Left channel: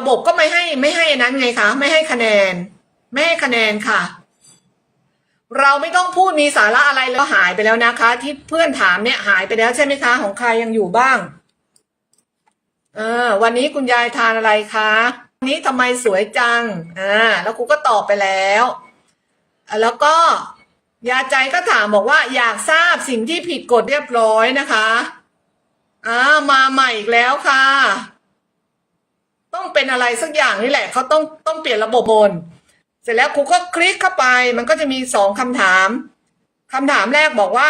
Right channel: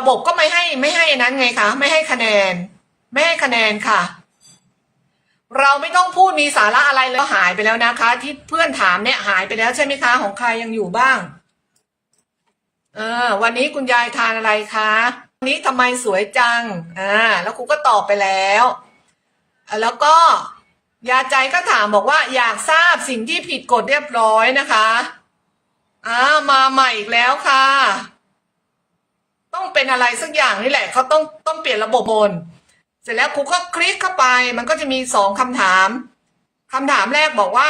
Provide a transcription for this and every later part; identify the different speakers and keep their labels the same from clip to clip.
Speaker 1: ระบบก็ไม่ให้ไม่ให้นั้นไงคะ ไม่ให้คะแนน ไม่ให้คะแนนค่ะ เราไม่ต้องพูดมีสาระอะไรเลยก็หายไปแล้วนะคะ ที่เพื่อนถามเนี่ยหายไปแล้วใช่ไหมคะ ของใครยังอยู่บ้างเออวันนี้คุณยายทานอะไรคะวันนี้ทำไมสวยจังอ่าแล้วครูก็ตอบไปแล้วแล้วก็ยาใจก็ถามบอกว่าอยากทราบสิ่งที่ผิดกฎเรียบร้อยนะคะอ่ามาใหม่อีกแล้วค่ะ ต้องเป็นอะไรสักอย่างนี่แหละเขาต้องต้องเปลี่ยนระบบบน เสร็จแล้วครูก็คลิกเข้าไป มันก็จะมีสองคำถามคำถามแรกบอกว่า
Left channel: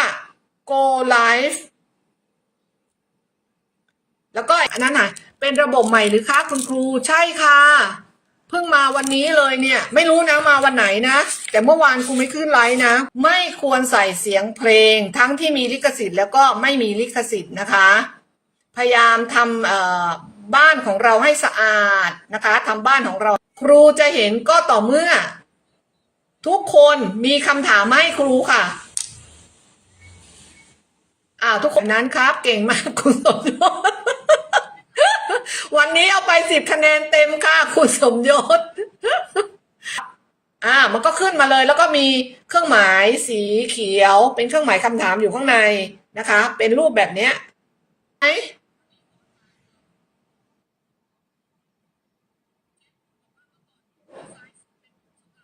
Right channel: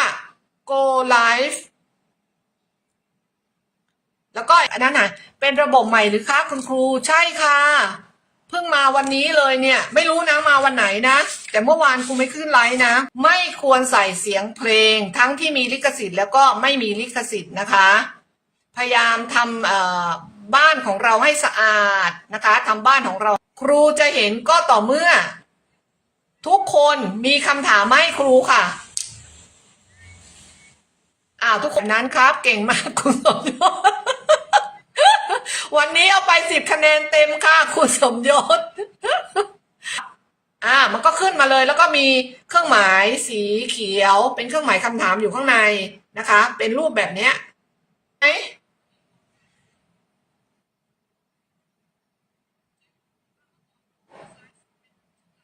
Speaker 1: go live แล้วก็อันนั้นน่ะ เป็นระบบใหม่หรือคะคุณครูใช่ค่ะ เพิ่งมาวันนี้เลยเนี่ย ไม่รู้นะมาวันไหนนะ แต่เมื่อวานครูไม่ขึ้นไลฟ์นะ ไม่ควรใส่เสียงเพลง ทั้งที่มีลิขสิทธิ์แล้วก็ไม่มีลิขสิทธิ์นะคะ พยายามทำ บ้านของเราให้สะอาดนะคะทำบ้านของเรา ครูจะเห็นก็ต่อเมื่อ ทุกคนมีคำถามมาให้ครูค่ะอ้าวทุกคนนั้นครับ เก่งมากคุณสมยศวันนี้เอาไปสิบคะแนนเต็มค่ะ คุณสมยศอ่า มันก็ขึ้นมาเลย แล้วก็มีเครื่องหมายสีเขียว เป็นเครื่องหมายคำถามอยู่ข้างในนะคะ เป็นรูปแบบเนี้ยไหน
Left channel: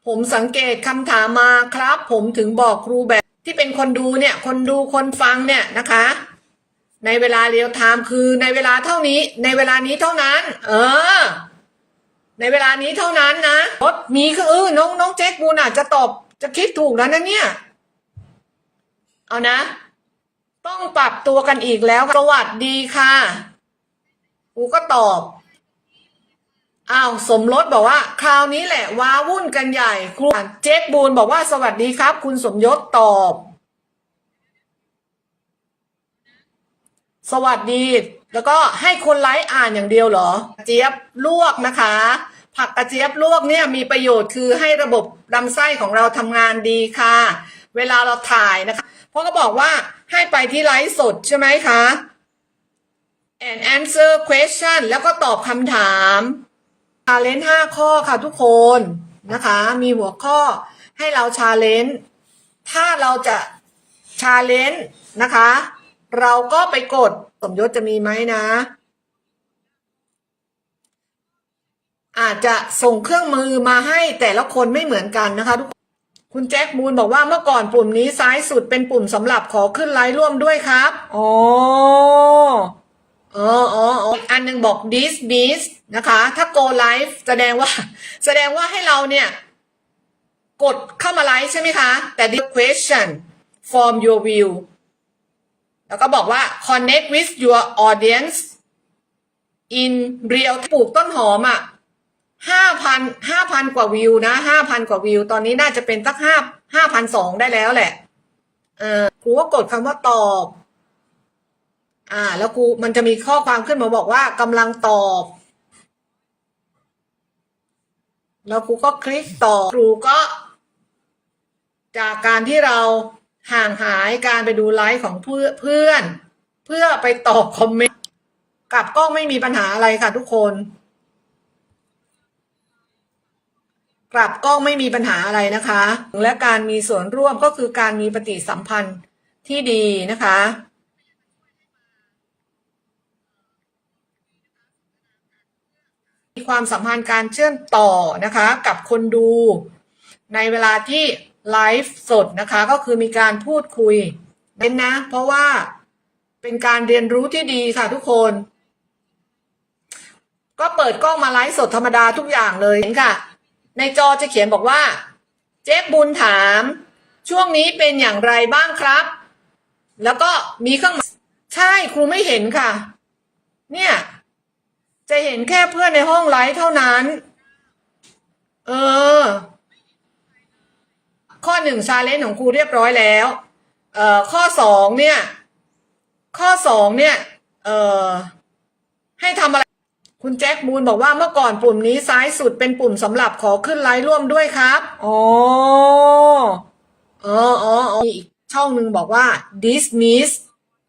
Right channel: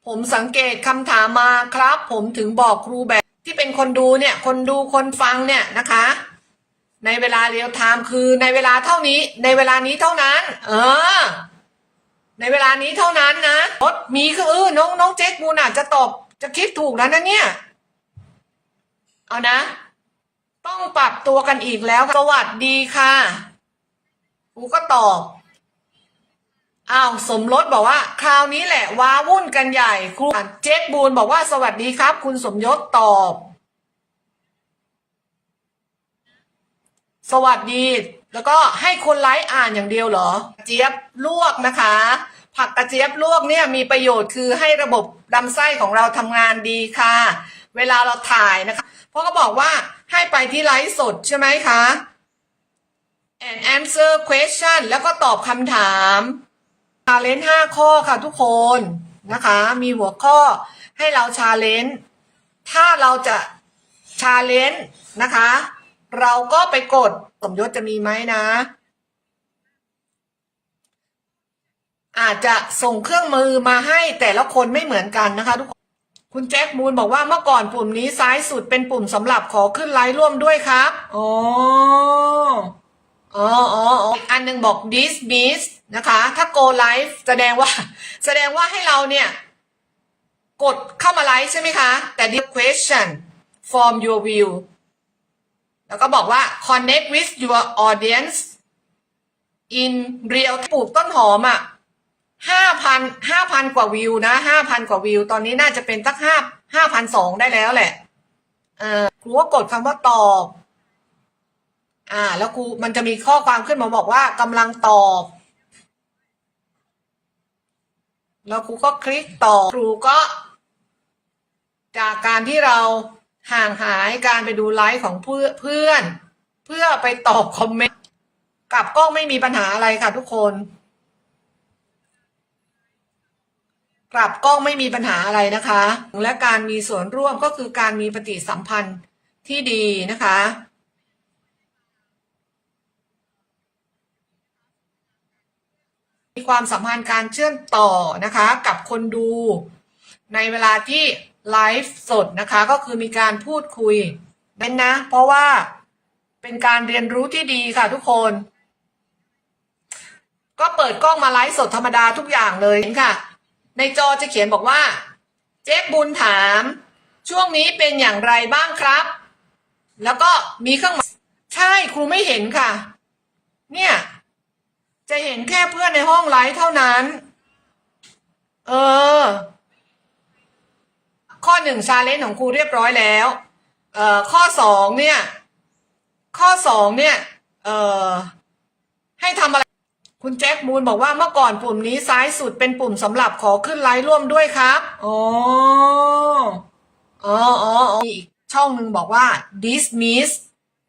Speaker 1: ผมสังเกตคำถามมาครับ ผมถึงบอกครูแบบที่เป็นคนดูเนี่ย คนดูคนฟังเนี่ยนะคะ ในเวลาเรียลไทม์คือในเวลาเท่านี้ ในเวลานี้เท่านั้น เออ ในเวลานี้เท่านั้นนะรถมีคือเออน้องน้องเจ๊กมูนอาจจะตอบจะคิดถูกแล้วนะเนี่ย เอานะ ต้องปรับตัวกันอีกแล้วสวัสดีค่ะครูก็ตอบ อ้าวสมรสบอกว่า คราวนี้แหละว้าวุ่นกันใหญ่ครูเจ๊กบูนบอกว่าสวัสดีครับ คุณสมยศตอบ สวัสดี แล้วก็ให้คนไลฟ์อ่านอย่างเดียวเหรอ เจี๊ยบลวกนะคะ ผักกระเจี๊ยบลวกเนี่ยมีประโยชน์คือให้ระบบลำไส้ของเราทำงานดีค่ะ เวลาเราถ่ายนะคะ เพราะก็บอกว่าให้ไปที่ไลฟ์สดใช่ไหมคะ and answer question แล้วก็ตอบคำถาม ชาเลนจ์ห้าข้อค่ะทุกคนนะคะ มีหัวข้อให้เราชาเลนจ์ถ้าเราจะชาเลนจ์นะคะ เราก็ไปกดสมยศจะมีไหมนะ อาจจะส่งเครื่องมือมาให้แต่ละคนไม่เหมือนกันนะคะทุกคนคุณแจ็คมูลบอกว่าเมื่อก่อนปุ่มนี้ซ้ายสุดเป็นปุ่มสำหรับขอขึ้นไลฟ์ร่วมด้วยครับ อ๋อ อ๋ออ๋ออ๋ออันหนึ่งบอก this miss นะคะ ถ้า go live แสดงว่า แสดงว่าให้เราเนี่ย กดเข้ามาไลฟ์ใช่ไหมคะ แต่ this question form your view แล้วก็บอกว่า connect with your audience in real ปลูกต้นหอมอะห้าพันห้าพันกว่าวิวนะห้าพันกว่าวิว ตอนนี้น่าจะเป็นสักห้าห้าพันสองได้แล้วแหละ เออครูก็กดคำว่าตอบ อ่า แล้วครูมันจะมีข้อความขึ้นมาบอกว่ากำลังตอบ แล้วครูก็คลิกต่อครูก็ จากการที่เราห่างหายการไปดูไลฟ์ของเพื่อนเพื่อน เพื่อไปตอบคอมเมนต์กลับกล้องไม่มีปัญหาอะไรค่ะทุกคนกลับกล้องไม่มีปัญหาอะไรนะคะ และการมีส่วนร่วมก็คือการมีปฏิสัมพันธ์ที่ดีนะคะ ความสัมพันธ์การเชื่อมต่อนะคะ กับคนดู ในเวลาที่ไลฟ์สดนะคะ ก็คือมีการพูดคุยเน้นนะ เพราะว่าเป็นการเรียนรู้ที่ดีค่ะทุกคน ก็เปิดกล้องมาไลฟ์สดธรรมดาทุกอย่างเลยเห็นค่ะ ในจอจะเขียนบอกว่า เจ๊บุญถาม ช่วงนี้เป็นอย่างไรบ้างครับ แล้วก็มีเครื่องหมายใช่ครูไม่เห็นค่ะ เนี่ย จะเห็นแค่เพื่อนในห้องไลฟ์เท่านั้น เออ ข้อหนึ่งชาเลนจ์ของครูเรียบร้อยแล้ว เอ่อ ข้อสองเนี่ย ข้อสองเนี่ย เอ่อ ให้ทำอะไร คุณแจ็คมูลบอกว่าเมื่อก่อนปุ่มนี้ซ้ายสุดเป็นปุ่มสำหรับขอขึ้นไลฟ์ร่วมด้วยครับอ๋ออ๋ออ๋ออ๋อมีอีกช่องหนึ่งบอกว่า dismiss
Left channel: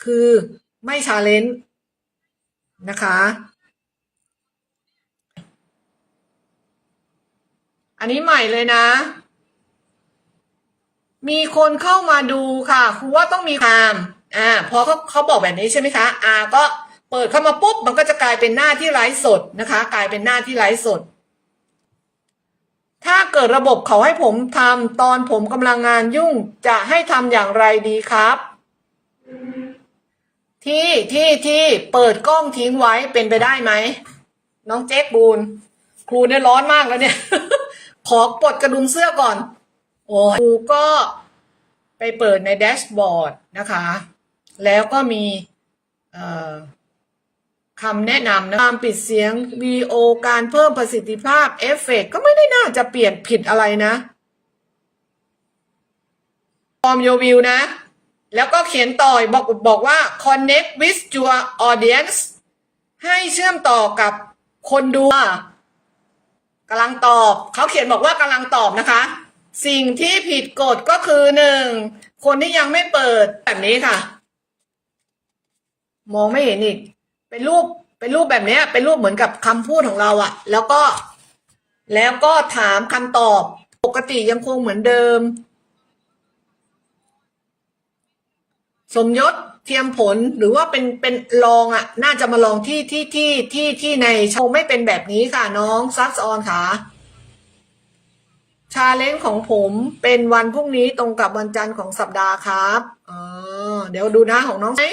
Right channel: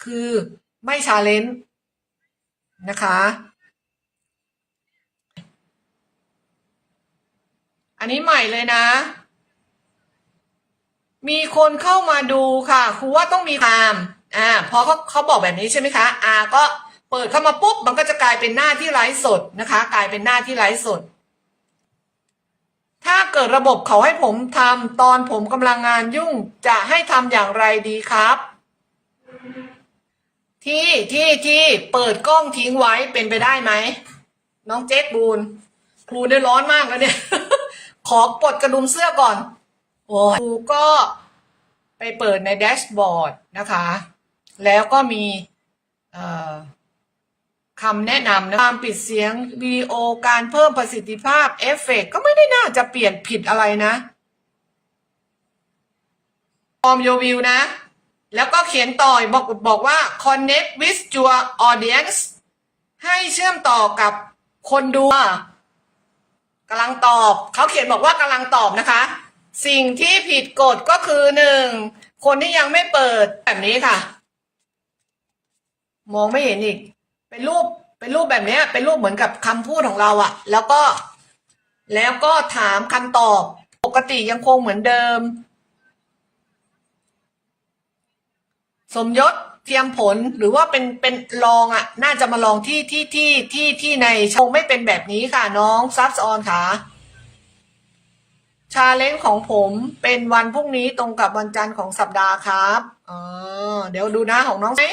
Speaker 1: คือไม่ชาเลนจ์นะคะ อันนี้ใหม่เลยนะ มีคนเข้ามาดูค่ะครูว่าต้องมีตามอ่าพอเขาเขาบอกแบบนี้ใช่ไหมคะอ่าก็เปิดเข้ามาปุ๊บมันก็จะกลายเป็นหน้าที่ไลฟ์สดนะคะ กลายเป็นหน้าที่ไลฟ์สด ถ้าเกิดระบบเขาให้ผมทำตอนผมกำลังงานยุ่งจะให้ทำอย่างไรดีครับ ที่ที่ที่เปิดกล้องทิ้งไว้เป็นไปได้ไหมน้องเจ๊กบูนครูเนี่ยร้อนมากแล้วเนี่ย ขอปลดกระดุมเสื้อก่อน โอ้ยูก็ไปเปิดในแดชบอร์ดนะคะ แล้วก็มีคำแนะนำนะการปิดเสียงวีโอการเพิ่มประสิทธิภาพเอฟเฟกต์ก็ไม่ได้น่าจะเปลี่ยนผิดอะไรนะฟอร์มโยวิวนะ แล้วก็เขียนต่อยบอกบอกว่า connect with your audience ให้เชื่อมต่อกับคนดู กำลังตอบเขาเขียนบอกว่ากำลังตอบนะคะ สิ่งที่ผิดกฎก็คือหนึ่งคนที่ยังไม่เปิดแบบนี้ค่ะ มองไม่เห็นอีก เป็นรูปเป็นรูปแบบนี้เป็นรูปเหมือนกับคำพูดของเราอะแล้วก็แล้วก็ถามคำตอบปกติยังคงเหมือนเดิม สมยศ เทียมผลหรือว่าเป็นเป็นลองอะ น่าจะมาลองที่ที่ที่ที่ที่ในโชว์ไม่เป็นแบบนี้ค่ะน้องซับซอนค่ะชาเลนจ์ของผมเป็นวันพรุ่งนี้ตรงกับวันจันทร์ของสัปดาห์ครับอ๋อเดี๋ยวดูนะของน้องไหม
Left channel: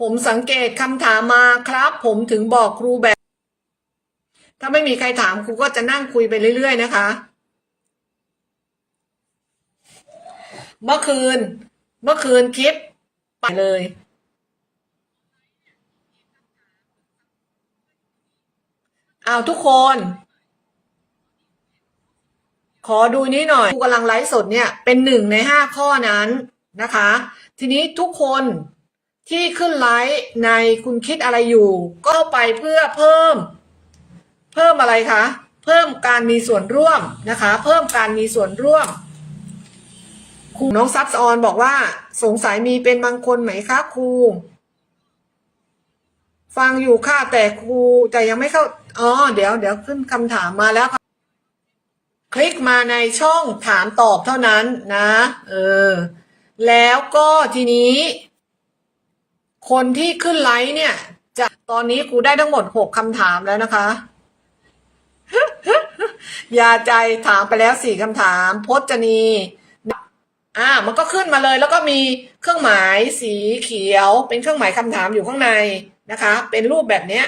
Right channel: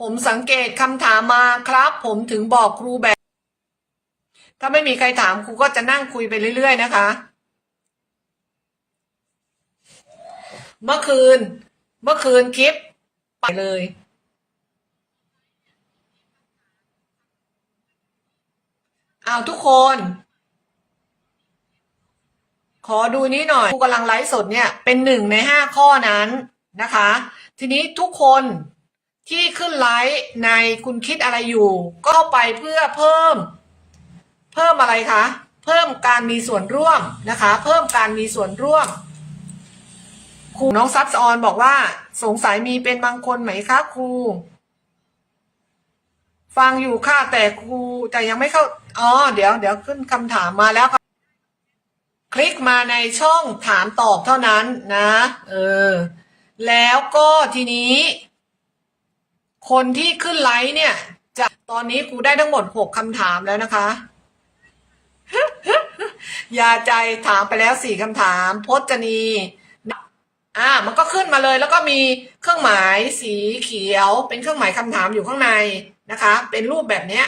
Speaker 1: ผมสังเกตคำถามมาครับ ผมถึงบอกครูแบบ ถ้าไม่มีใครถามครูก็จะนั่งคุยไปเรื่อย ๆ นะคะ เมื่อคืน เมื่อคืนคลิป ไปเลย เอาทุกคน ขอดูนี้หน่อยครูกำลังไลฟ์สดเนี่ย เป็นหนึ่งในห้าข้อนั้นนะคะ ทีนี้ทุกคนที่ขึ้นไลฟ์ในคุณคิดอะไรอยู่ ก็ไปเพื่อเพิ่ม เพิ่มอะไรคะ เพิ่มการมีส่วนร่วมนะคะ เพิ่มการมีส่วนร่วม ครูน้องซับซอนบอกว่า สงสัยมีเป็นบางคนไหมคะครู ฟังอยู่ค่ะแต่ครูแต่ยังไม่เข้าอ๋อเดี๋ยวเดี๋ยวขึ้นคำถามมาแล้วค่ะคลิกมาในช่องถามตอบเท่านั้นนะ เออ แล้วก็ทีนี้ คนที่ขึ้นไลฟ์เนี่ย จะตอนนี้ครูได้ทั้งหมดหกคำถามแล้วนะคะยาใจถามไปแล้วสี่คำถามพจนี อ่า มันก็ขึ้นมาเลย แล้วก็มีเครื่องหมายสีเขียว เป็นเครื่องหมายคำถามอยู่ข้างในนะคะ เป็นรูปแบบเนี้ย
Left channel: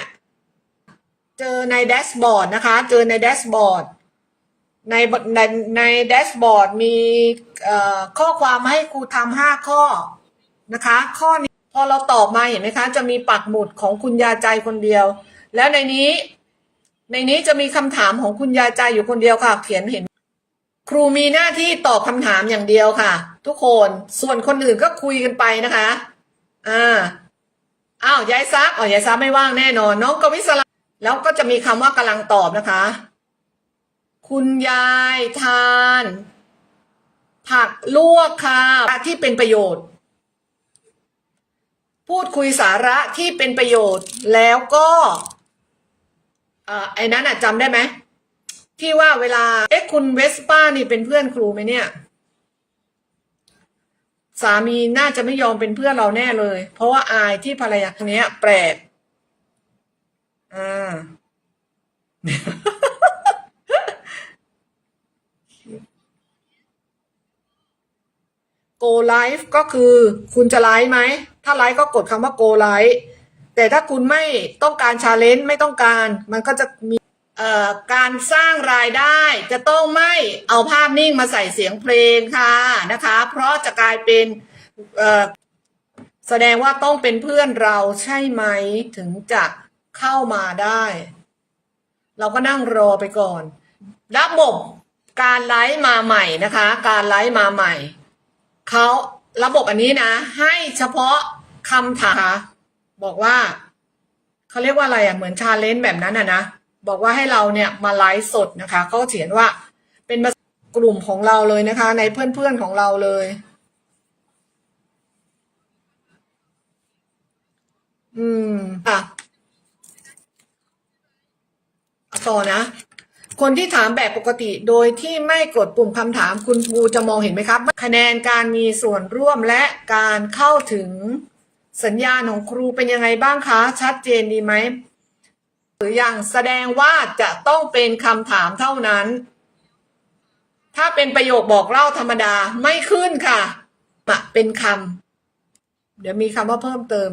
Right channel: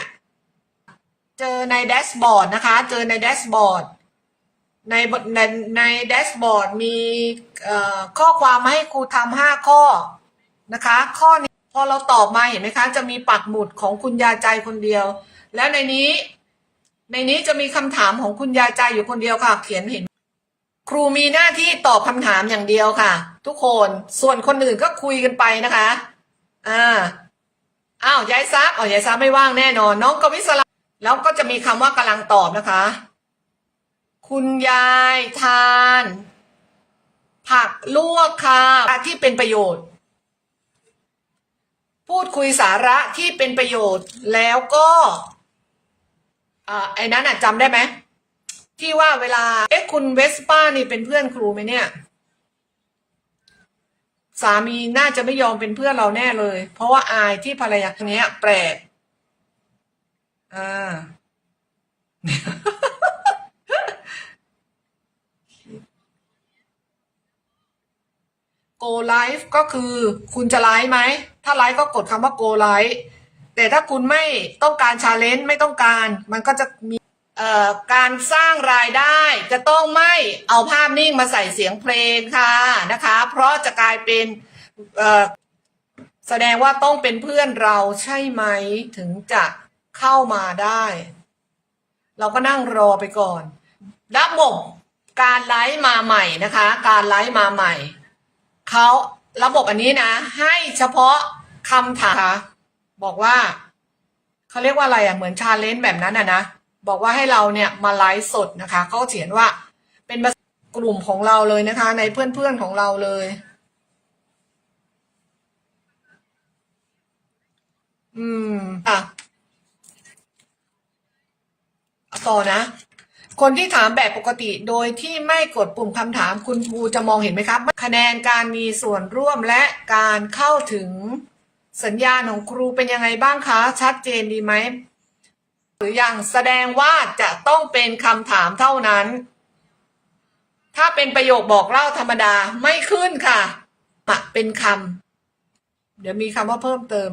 Speaker 1: เจอในแดชบอร์ดนะคะ เจอในแดชบอร์ดในในในแดชบอร์ดมีข้อความมาให้ครูทำห้าข้อนะคะ ข้อนี้พอเราตอบมาเห็นไหมคะ จะมีปักหมุดของคุณยาใจคนเดียว แล้วในนี้ ในนี้จะมีคำถามของคุณยาใจอยู่คนเดียวค่ะ เขียนเห็น ครูมีหน้าที่ตอบคำถามอย่างเดียวค่ะ ทุกคนส่วนคนอื่นก็คุยกันไปนะคะอ่าอ้าวยายซับอ๋อยายซับไม่ว่างแน่นอน น้องกวิศราแล้วก็จะมีคำว่ากำลังตอบนะคะ คุณยายทาน ผักลวกค่ะที่เป็นประโยชน์ พูดคุยสาระที่เป็นประโยชน์แล้วก็อ่าไอ้นั้นอะจำได้ไหม ที่ว่าเวลา เอ๊ะคุณเวสป้านี่เป็นเพื่อนครูไหมเนี่ย สามีน่าจะไม่ยอมเป็นเพื่อนเราแน่เลย เพราะว่าอายที่ภรรยาคนนี้ยแปลกอ่า go live ก็คือคุณจะไลฟ์ไหม ถ้าไลฟ์ก็กดคำว่า go live แต่ถ้าคุณไม่ต้องการชาเลนจ์ไม่ต้องการ มันก็จะมี การสร้างรายได้จะต้องไม่เอาภาพนิ่งมาใส่เสียงเพลงค่ะนะคะ เพราะจะกลายเป็นแสดงว่าต้องเป็นเพื่อนเราใช่ไหมถึงจะเข้ามาได้ เราก็นั่งรอไปก่อนระบบการไลฟ์มาใหม่นะคะ การไลฟ์มาใหม่เขาระบบอันนี้นะ ให้เฉพาะคำถามบอกว่าเขาเรียกว่าอะไรอะเหมือนชาเลนจ์แบบนั้นอะนะ บอกว่าให้เราเนี่ยมาไลฟ์สดนะคะก็เขียนว่าเป็นกลุ่มของเราเลยนะคะ ในเพื่อนๆของเราเลย อืมค่ะต่อนะคนที่ถามแบบปกติโดยที่ไม่กดปุ่มคำถามคุณครูจะมองเห็นไหมครับ คะแนนการมีส่วนร่วมและการเข้าถึงสัญญาณของครูเป็นยังไงบ้างคะ ชัดเจนดีไหม หรือยังแสดงว่าจะต้องเป็นคำถามเท่านั้น ถ้าเป็นประโยคบอกเล่าธรรมดาไม่ขึ้นค่ะปะเป็นคำเดี๋ยวมีคำว่าเพิ่มเติม